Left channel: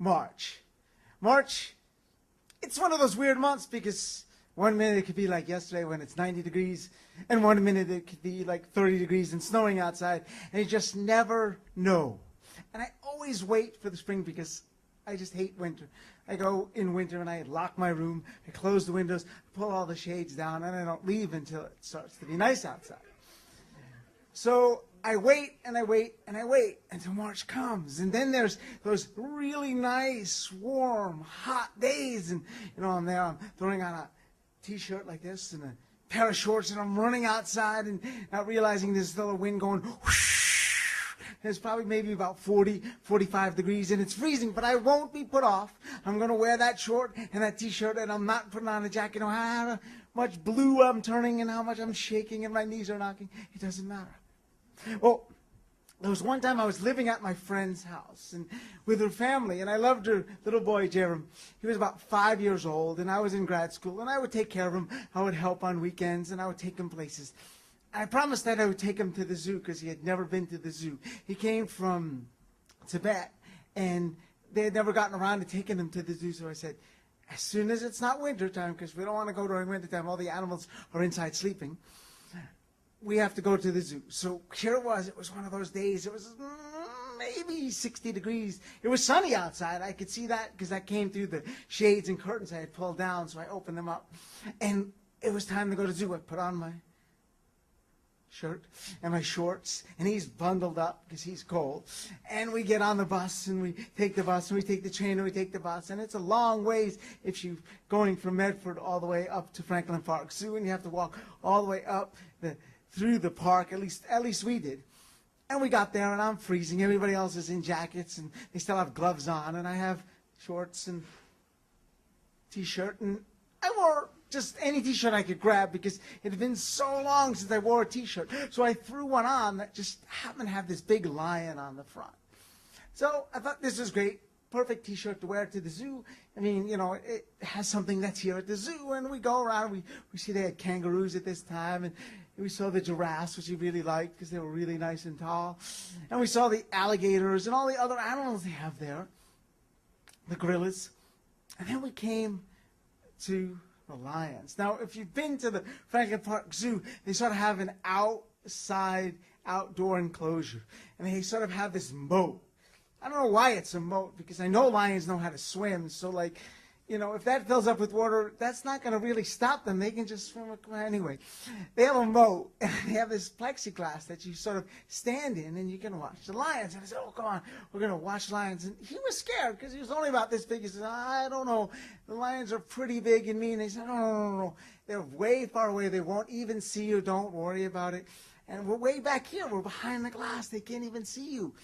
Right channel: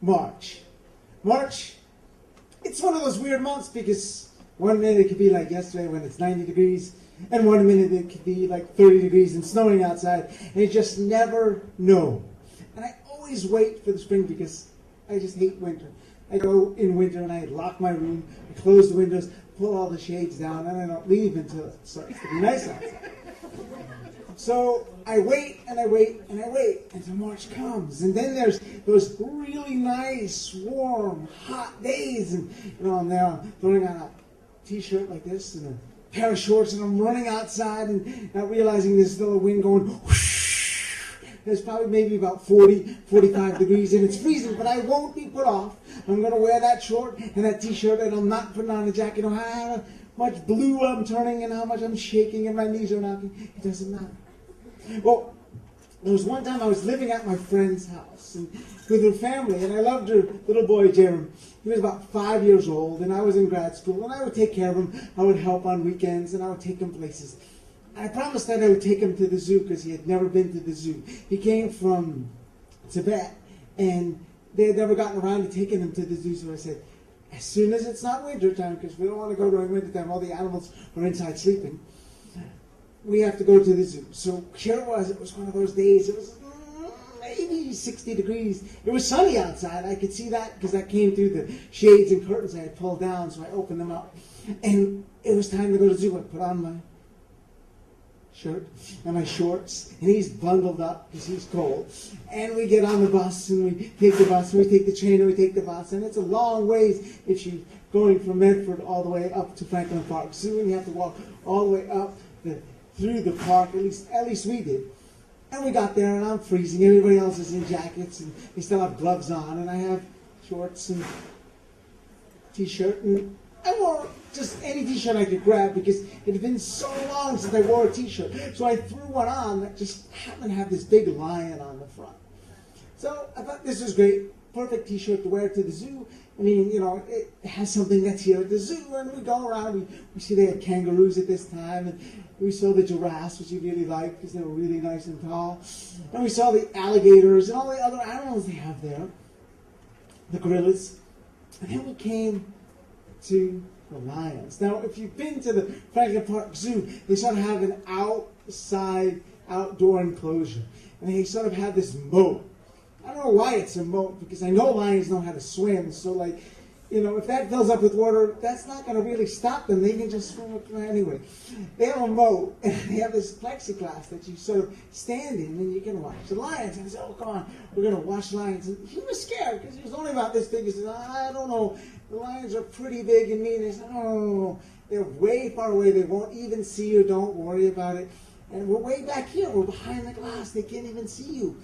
March. March, it's one of those weird months because one minute it could be like yesterday when it's 90 degrees, and one minute it could be like 30 degrees and snowing outside, and you just never know. And I always wait for the spring because I just hate winter. I go in winter and I lock my room, I close the windows, pull all the shades down, and I don't leave until it starts to be nice outside. So I wait and I wait and I wait until March comes. And then there's those really nice, warm, hot days. And, I'm there, I'm throwing on a t-shirt like this and a pair of shorts, and I'm running outside and not realizing there's still a wind going whoosh. There's probably maybe about 40, 45 degrees, and it's freezing, but I won't be put off. I'm going to wear that short and that t-shirt, and I'm not putting on a jacket. How much blue I'm turning and how much I'm shaking and my knees are knocking. It doesn't matter. Well, there was one time I was living at my friend's house and with her family, and I loved her little boy, Jeremy. He was about 5 years old, and I was in grad school, and I would take care of him. I would help on weekends, and I would take him places. I promised that I would take him to the zoo because he had never been to the zoo. He came from Tibet, and they had never gotten around to taking him to the zoo, so I said, as soon as it's not winter time, because we don't want to go to winter time, all the animals are inside sleeping, we have to go to the zoo. So here it was one of those days, it was maybe 60 degrees. It was sunny outside, I could see that because I came through the shades and curtains I had pulled down, so I opened them up. And it was time to go to the zoo. I put on my shirt and my shorts, and he's bundled up because he's cold. And we get on the bus, and we take the bus, and we take the train, and we take the bus. And it's a long ways if you're going from Medford all the way up to Franklin Park Zoo, and you have to walk all the way up through the park, at least we did. And we got there, and I'm freezing. Everybody else is in jackets, and they still have gloves on, and I have shorts and t-shirt, and I wore just any t-shirt I could grab because it had been so long since I wore a t-shirt. So I threw one on that just happened to have this big lion on the front. So I thought this was great, perfect t-shirt to wear to the zoo. I mean, it has something that's here at the zoo, and we go around, we see they had kangaroos at this time, and we saw the giraffes, which we really liked because they were really nice and tall. And we saw the alligators and all the other animals they have there, the gorillas. And then we came to the lions. Now, if you've been to the Franklin Park Zoo, they sort of have an outdoor enclosure. And they sort of have this moat. I don't know why it's a moat, because I know lions know how to swim. So, if that fills up with water, that's not going to really stop them. They can just swim anyway. They have a moat, and they have this plexiglass that you sort of stand in, and you can watch the lions. And I said, oh, come on, we're going to watch lions. And he was scared, because he was only about this big. He said, I don't know. The lions are pretty big and mean. They said, no. They're way far away. They won't even see you. Don't worry about it. And we're way back here. We're behind the glass. They can't even see you.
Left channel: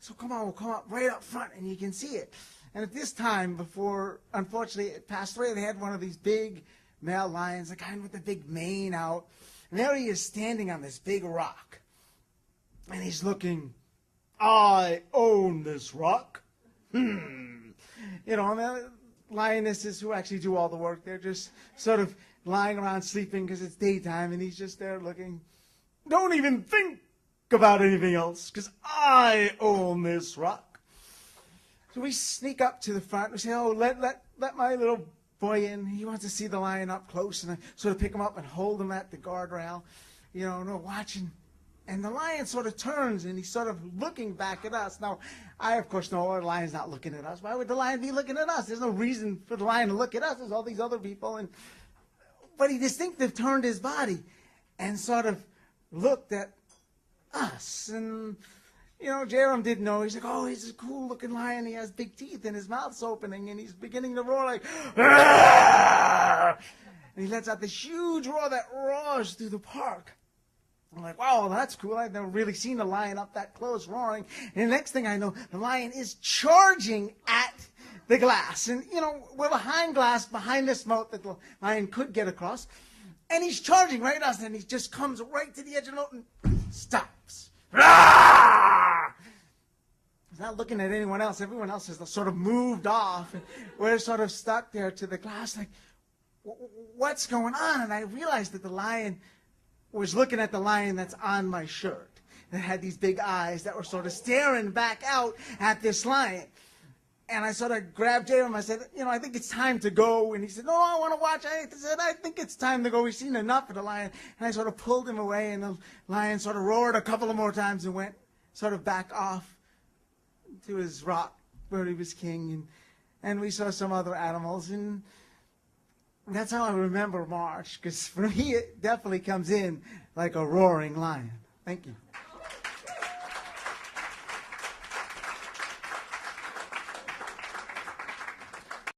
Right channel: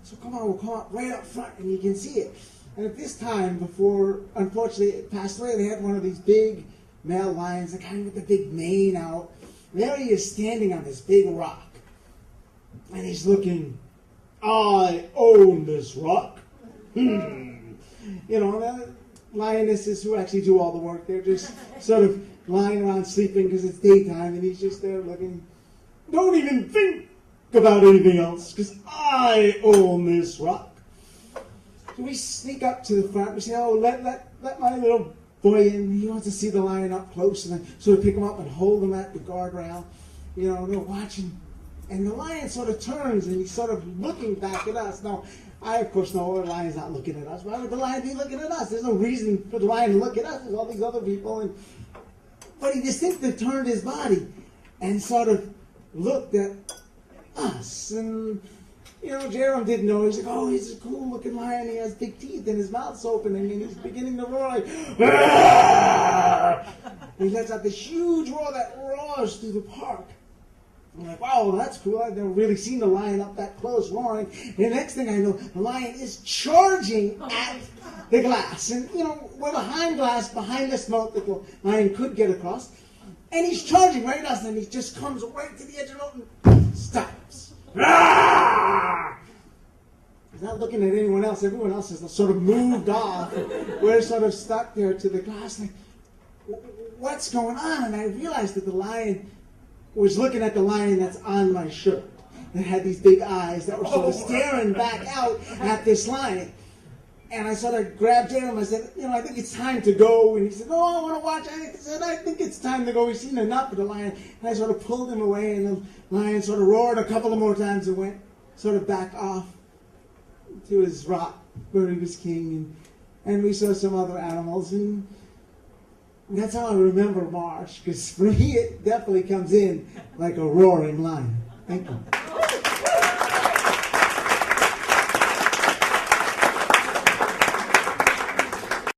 So come on, we'll come up right up front, and you can see it. And at this time, before, unfortunately, it passed away, they had one of these big male lions, the kind with the big mane out. And there he is standing on this big rock. And he's looking, I own this rock. And the lionesses who actually do all the work, they're just sort of lying around sleeping because it's daytime, and he's just there looking, don't even think about anything else, because I own this rock. So we sneak up to the front. We say, oh, let my little boy in. He wants to see the lion up close. And I sort of pick him up and hold him at the guardrail. We're watching. And the lion sort of turns, and he's sort of looking back at us. Now, I, of course, know the lion's not looking at us. Why would the lion be looking at us? There's no reason for the lion to look at us. There's all these other people. But he distinctly turned his body and sort of looked at us. And Jerome did know. He's like, oh, he's a cool-looking lion. He has big teeth, and his mouth's opening, and he's beginning to roar like, Aah! And he lets out this huge roar that roars through the park. I'm like, wow, that's cool. I've never really seen a lion up that close roaring. And the next thing I know, the lion is charging at the glass. And, we're behind glass, behind this moat that the lion could get across. And he's charging right at us, and he just comes right to the edge of the moat and stops. He's not looking at anyone else. Everyone else has sort of moved off. We're sort of stuck there to the glass. Like, what's going on? And I realized that the lion was looking at the lion that's on my shirt. That had these big eyes that were sort of staring back out at this lion. And I sort of grabbed him. I said, I think it's time to go. And he said, no, I want to watch. I said, I think it's time to go. We've seen enough of the lion. And I sort of pulled him away, and the lion sort of roared a couple of more times and went sort of back off to his rock where he was king. And we saw some other animals. And that's how I remember March, because for me, it definitely comes in like a roaring lion. Thank you.